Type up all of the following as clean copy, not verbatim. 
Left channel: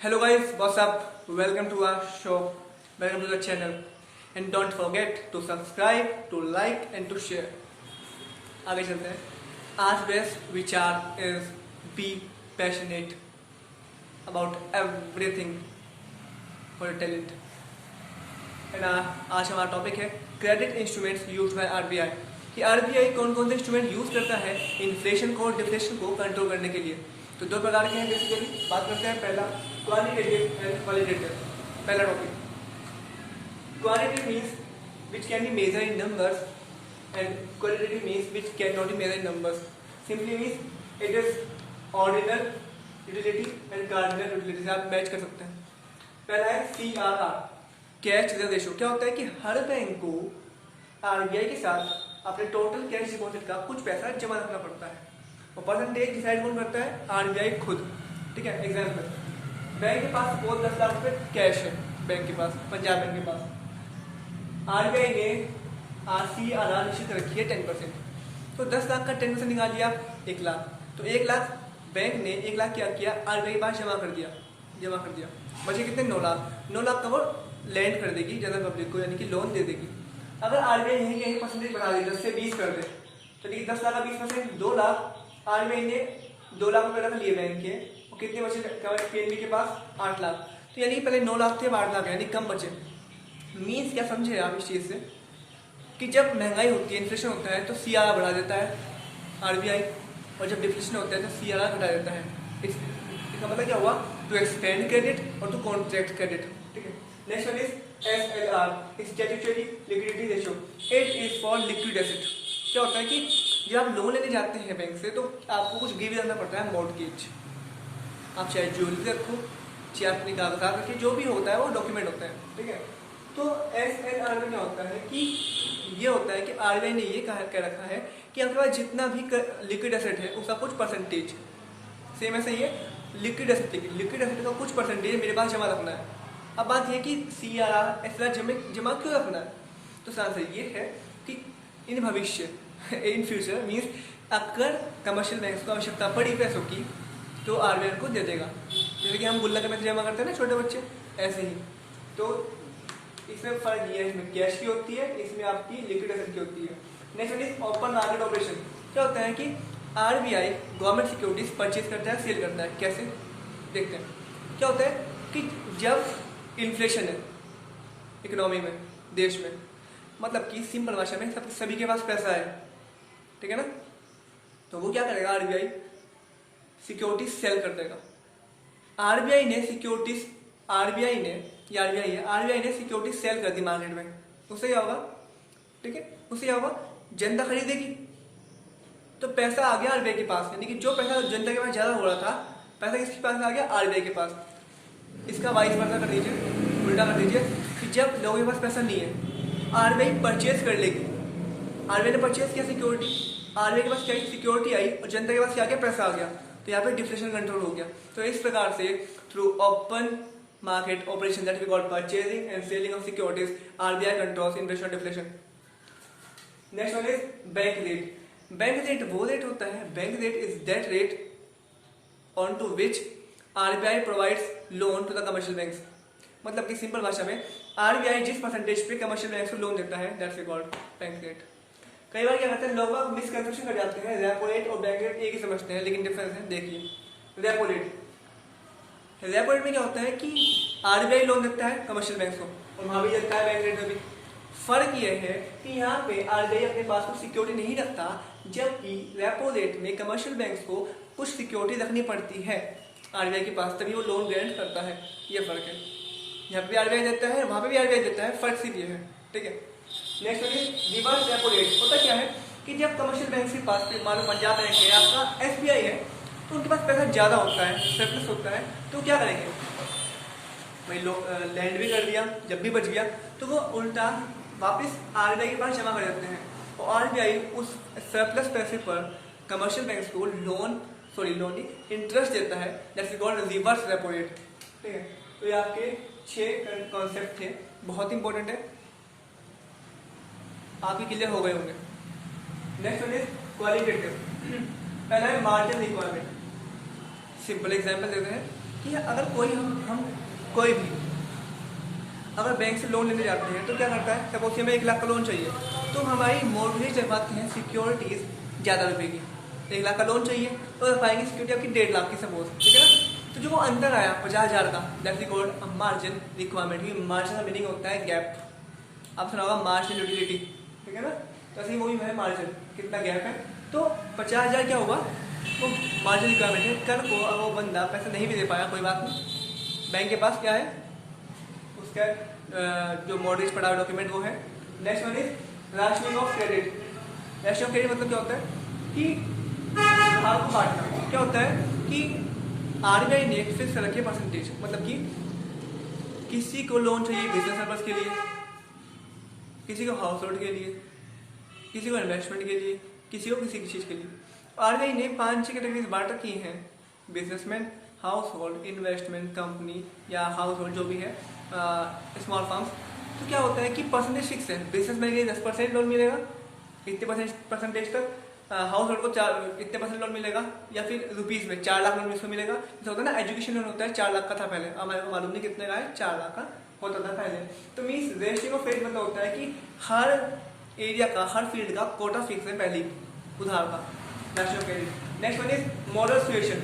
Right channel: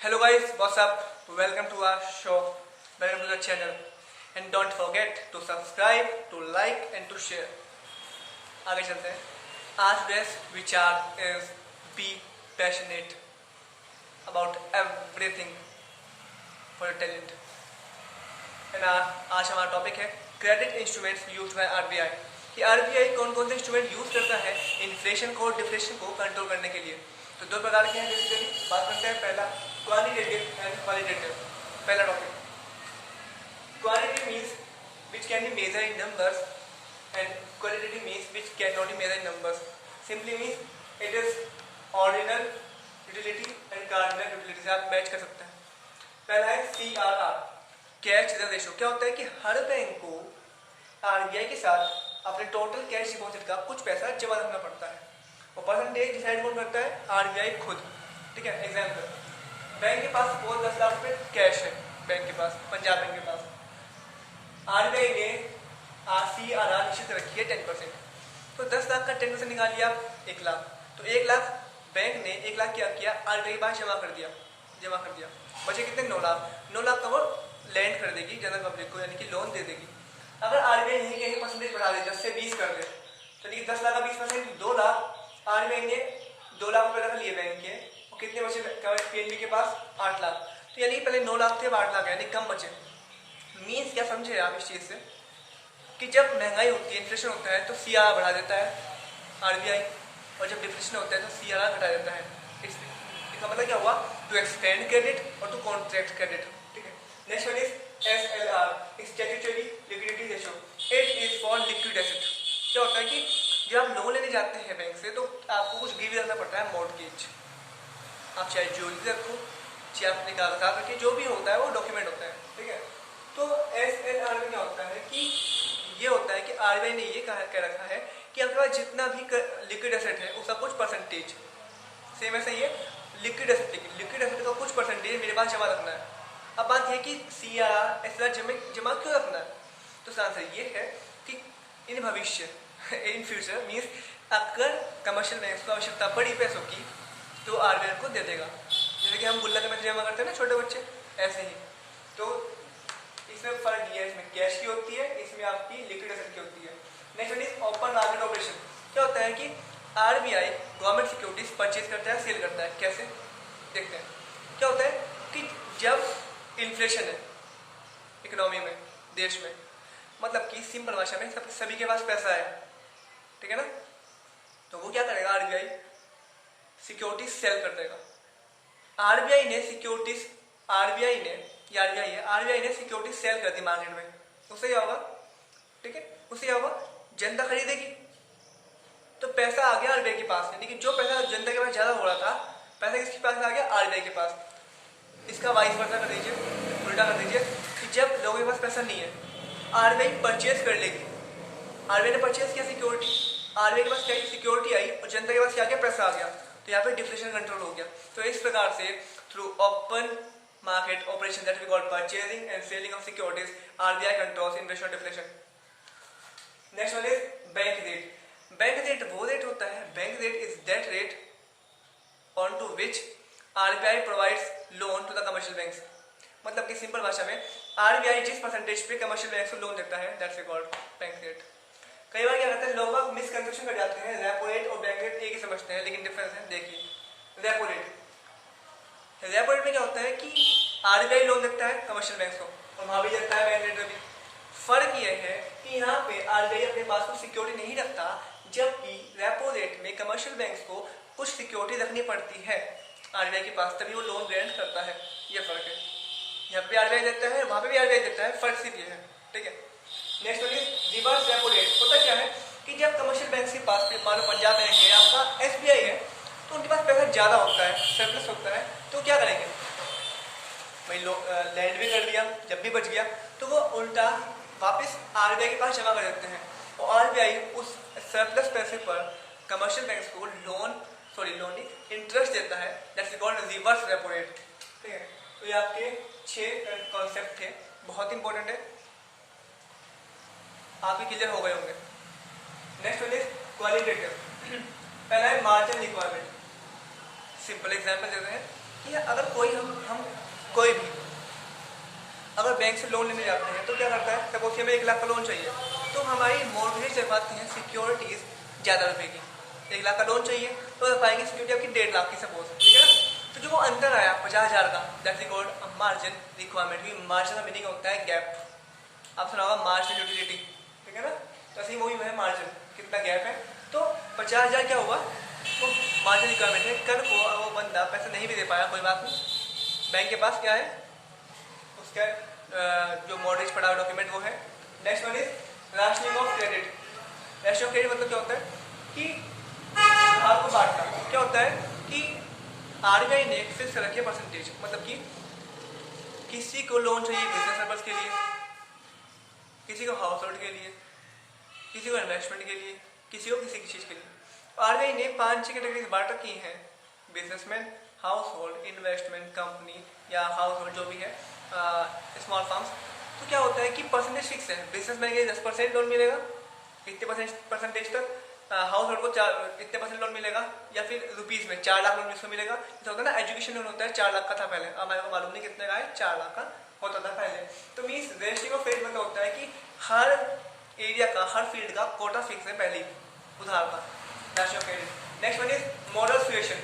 Hello guys, what's up? Welcome to our show. Welcome to the channel. And don't forget to subscribe, to like and to share. आगे चलते हैं. आज base विचार is be passionate about everything for your talent. And आज हमारा topic है credit instruments use by RBI. कि RBI कौन कौन से इंस्ट्रूमेंट यूज करता है इन्फ्लेशन को और डिफ्लेशन को कंट्रोल करने के लिए. तो दो प्रकार के हैं. जैसे कि बात करते हैं पहला क्वालिटेटिव एंड क्वालिटेटिव. पहला topic qualitative means which can be measure in numbers and qualitative means which can not be measure in numbers. Simply means it is ordinal utility and cardinal utility से आप match कर सकते हैं. पहला है CRR, cash reserve ratio. क्या होता है कि हर बैंक को आरबीआई के साथ अपने टोटल कैश डिपॉजिट का कुछ पैसा जमा रखना पड़ता है और परसेंटेज डिसाइड कौन करता है? आरबीआई खुद. ठीक है. एग्जाम्पल, बैंक के पास सपोज 10 लाख रुपए कैश है. बैंक के पास, पंजाब बैंक के पास, आरबीआई ने CRR निश्चित रखी है 10%. तो 10 लाख का 10% निकाल लिया 1 लाख. तो 1 लाख बैंक ने 1 लाख क्या किया? आरबीआई के पास जमा कर दिया. बचे कितने? 9 लाख. 9 लाख का वो लैंड कर देगी जनरल पब्लिक को, यानी कि लोन दे देगी. अगर आरबीआई यही परसेंटेज बढ़ा दे, 10 से 20 कर दे, तो 10 लाख का 20%, 2 लाख. आरबीआई ने 2 लाख रुपए रख लिए बैंक के, और कितने बचे पीएनबी के पास? 8 लाख. तो यानी पहले 9 लाख थे, अब 8 लाख है, यानी कम बचे. मीन्स क्या समझे आप इस चीज से कि जब महंगाई होती है, इन्फ्लेशन होता है, तो CRR बढ़ा देता है आरबीआई, और जब डिफ्लेशन होता है तो CRR घटा देता है. इसका मतलब क्या हुआ? टू एक्सटेंड क्रेडिट और टू कॉन्ट्रैक्ट क्रेडिट. ठीक है. Next one is SLR, statutory liquidity ratio. It is for liquid asset. क्या होता है कि जब आप लोन लेने जाते हैं बैंक से, तो आपको कुछ गिरवी रखना पड़ता है, मॉर्गेज. आप चाहे ज्वेलरी रखो, चाहे अपने कागजात रखिए, जो भी होता है वो डॉक्यूमेंट होता है. ठीक है. तो SLR में क्या होता है कि ये होता है कि आरबीआई ने ये कह रखा है कि आपके पास जितना भी लिक्विड एसेट है उसका कुछ परसेंटेज, सेम ऐसा ही है लिक्विड एसेट का कुछ परसेंटेज मेरे पास जमा रखना है. अब बात है कि CRR SLR जमा क्यों रखना है? तो इसका आंसर ये है कि इन भविष्य इन फ्यूचर मीन्स अगर कमर्शियल बैंक को आवश्यकता पड़ी पैसों की, तो आरबीआई को दे देगा. जैसे कि हम गुल्लक में जमा करते हैं ना छोटे बच्चे, ऐसे ही. तो इसमें फर्क ये है, इसमें कैश की होती है, इसमें आपकी लिक्विड एसेट की होती है. Next is open market operation. क्या होता है कि आरबीआई गवर्नमेंट सिक्योरिटीज परचेज करता है, सेल करता है. कैसे? देखते हैं. क्या होता है कि जब इन्फ्लेशन है इकोनॉमी में, देश में, मतलब कि सिंपल भाषा में सभी के पास पैसा है. ठीक है ना. तो वो क्या करेगा? आरबीआई सिक्योरिटीज सेल कर देगा. आरबीआई ने सिक्योरिटीज सेल कर दी मार्केट में. उससे क्या होगा? ठीक है. उससे क्या होगा? जनता खरीदेगी, तो पैसा आ गया आरबीआई के पास. यानी कि जो पैसा जनता के पास ज्यादा हो रहा था, पैसा किसके पास आ गया? आरबीआई के पास. इसका वाइस वर्सा कर दीजिए, उल्टा कर दीजिए कि जब लोगों के पास पैसा नहीं है, आरबीआई परचेज कर लेगी. आरबीआई ने परचेज किया सिक्योरिटी, आरबीआई के पास क्या सिक्योरिटी आई और जनता के पास क्या गया? पैसा आ गया. तो यहाँ पे डिफ्लेशन कंट्रोल हो गया. तो इस प्रकार से through open market operation that we call purchasing and selling of securities, RBI controls inflation और deflation. Next one is bank rate. Bank rate वो रेट होता है, bank rate is that rate on to which RBI provides loan to the commercial banks. मतलब कि simple भाषा में RBI जिस percentage पे कमर्शियल बैंक को लोन देता है, दैट्स कॉल्ड बैंक रेट. कई बार क्या कहते हैं लोग मिसकंसेप्शन कर जाते हैं, रेपो रेट और बैंक रेट एक ही समझते हैं, लेकिन डिफरेंस है. देखिए, रेपो रेट में क्या होता है कि आरबीआई लोन देता है कमर्शियल बैंक को, और वहां भी देता है बैंक रेट में भी. फर्क यह है कि यहाँ पे आरबीआई अपने पास कुछ सिक्योरिटी नहीं रखता, जबकि रेपो रेट में कमर्शियल बैंक को कुछ सिक्योरिटी रखनी पड़ती है आरबीआई के पास, तभी वो लोन ग्रांट करता है. ये फर्क है. यहाँ पे भी आरबीआई देता है, वहां पे भी आरबीआई देता है, फर्क सिर्फ ये है. ठीक है. Next reverse repo rate. होता क्या है कि जब कमर्शियल बैंक के पास, मान लो पंजाब बैंक है, आपका SBI है, तो उनके पास पैसा ज्यादा होता है, सरप्लस होता है, तो क्या करेंगे? भाई लैंड भी कर दिया, जब भी बच गया तो वो उल्टा वापस आरबीआई के पास जमा कर देते हैं, और आरबीआई उस सरप्लस पैसे पर कमर्शियल बैंक को लोन इंटरेस्ट देता है. That's called reverse repo rate. ठीक है. तो ये आपके 6 कॉन्सेप्ट थे, बहुत इंपॉर्टेंट है, आप ही क्लियर हो गए होंगे. Next one is qualitative. पहला है मार्जिन रिक्वायरमेंट. सिंपल एग्जांपल देते हैं कि अगर कोई भी अगर बैंक से लोन लेने जाते हैं तो क्या करता है, सपोज हमें 1 लाख का लोन चाहिए तो हमारी मॉर्गेज रखवाते हैं सिक्योरिटीज ज़्यादा रुपए की। 1 लाख का लोन चाहिए तो रखवाएंगे सिक्योरिटी आपकी 1.5 लाख की सपोज, ठीक है ना। तो जो वो अंतर आया 50,000 का, that is called margin requirement. Margin का मीनिंग होता है गैप, आप सुना होगा मार्जिनल यूटिलिटी, ठीक है ना। तो ऐसे ही वही है मार्जिन, कितना गैप है। तो 50,000 क्या हुआ, वो मार्जिन रिक्वायरमेंट है। कल को वो बंदा पैसा नहीं भी दे पाया, कोई बात नहीं, बैंक के पास क्या है, उसका जो मॉर्गेज पड़ा हुआ डॉक्यूमेंट वो है। Next one is rationing of credit. Rationing of credit मतलब क्या होता है कि उधार को बांटना। क्या होता है कि आरबीआई ने एक फिक्स रखी है परसेंटेज, मतलब कि किसी को लोन चाहिए बिजनेस पर्पज के लिए, किसी को हाउस होल्ड के लिए, किसी को इन्वेस्टमेंट के लिए, किसी को किसी चीज के लिए। आरबीआई ने 5-6 कैटेगरी बांट रखी हैं, businessman, house hold, investment company या हाउस होल्ड जो भी है, स्मॉल फार्म्स। तो क्या होता है कि परसेंटेज फिक्स है, बिजनेसमैन के लिए 10% लोन मिलेगा इतने परसेंटेज तक, हाउस होल्ड को इतने % लोन मिलेगा, या फिर रुपीज में 4 लाख लोन इसको मिलेगा। जैसे होता है ना एजुकेशन लोन होता है 4 लाख का था पहले, हमारे को मालूम नहीं कितने का है, 4 लाख का होता था पहले। तो मीन्स रेशियो ऑफ फेज मतलब होता है कि हर एरिया का, हर फील्ड का कोटा फिक्स है पहले उधार का, ratio of phase. Next one is model situation.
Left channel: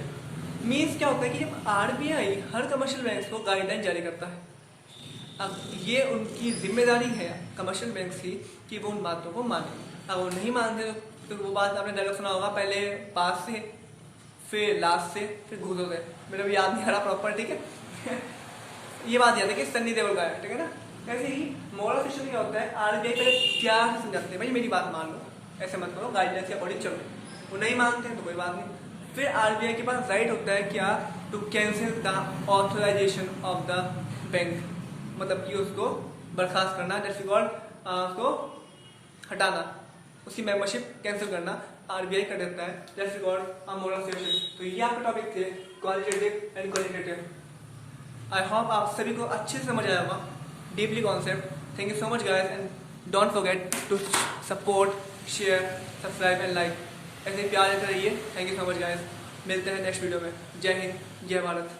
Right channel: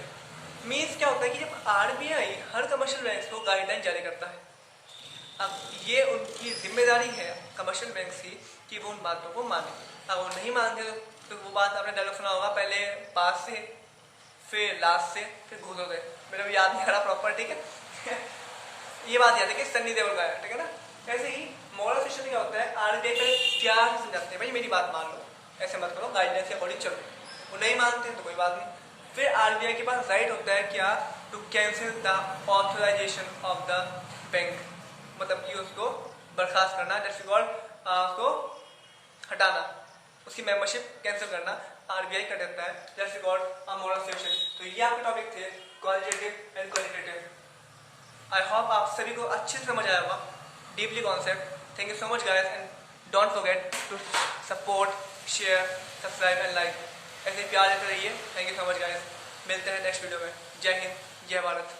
Means क्या होता है कि जब आरबीआई हर कमर्शियल बैंक को गाइडलाइन जारी करता है, अब ये उनकी जिम्मेदारी है कमर्शियल बैंक की कि वो उन बातों को माने। अगर वो नहीं मानते तो वो बात आपने डायलॉग सुना होगा, पहले पास से, फिर लास्ट से, फिर घूसों से। मेरे को याद नहीं आ रहा प्रॉपर, ठीक है। ये बात याद है कि सन्नी देओल का है, ठीक है ना। ऐसे ही मॉडल सिस्टम क्या होता है, आरबीआई पहले प्यार से समझाते हैं, भाई मेरी बात मान लो, ऐसे मत करो, गाइडलाइंस के अकॉर्डिंग चलो। वो नहीं मानते तो कोई बात नहीं। फिर आरबीआई के पास राइट होता है क्या, to cancel the authorisation of the bank, मतलब कि उसको बर्खास्त करना, जैसे उसको हटाना, उसकी मेंबरशिप कैंसिल करना आरबीआई कर देता है, जैसे मॉडल सिचुएशन। तो ये आपके टॉपिक थे qualitative and qualitative. I hope आप सभी को अच्छे से समझ आया होगा, deeply concept. Thank you so much guys and don't forget to support, share, subscribe and like. ऐसे प्यार देते रहिए। Thank you so much guys, मिलते हैं नेक्स्ट वीडियो में। जय हिंद, जय भारत।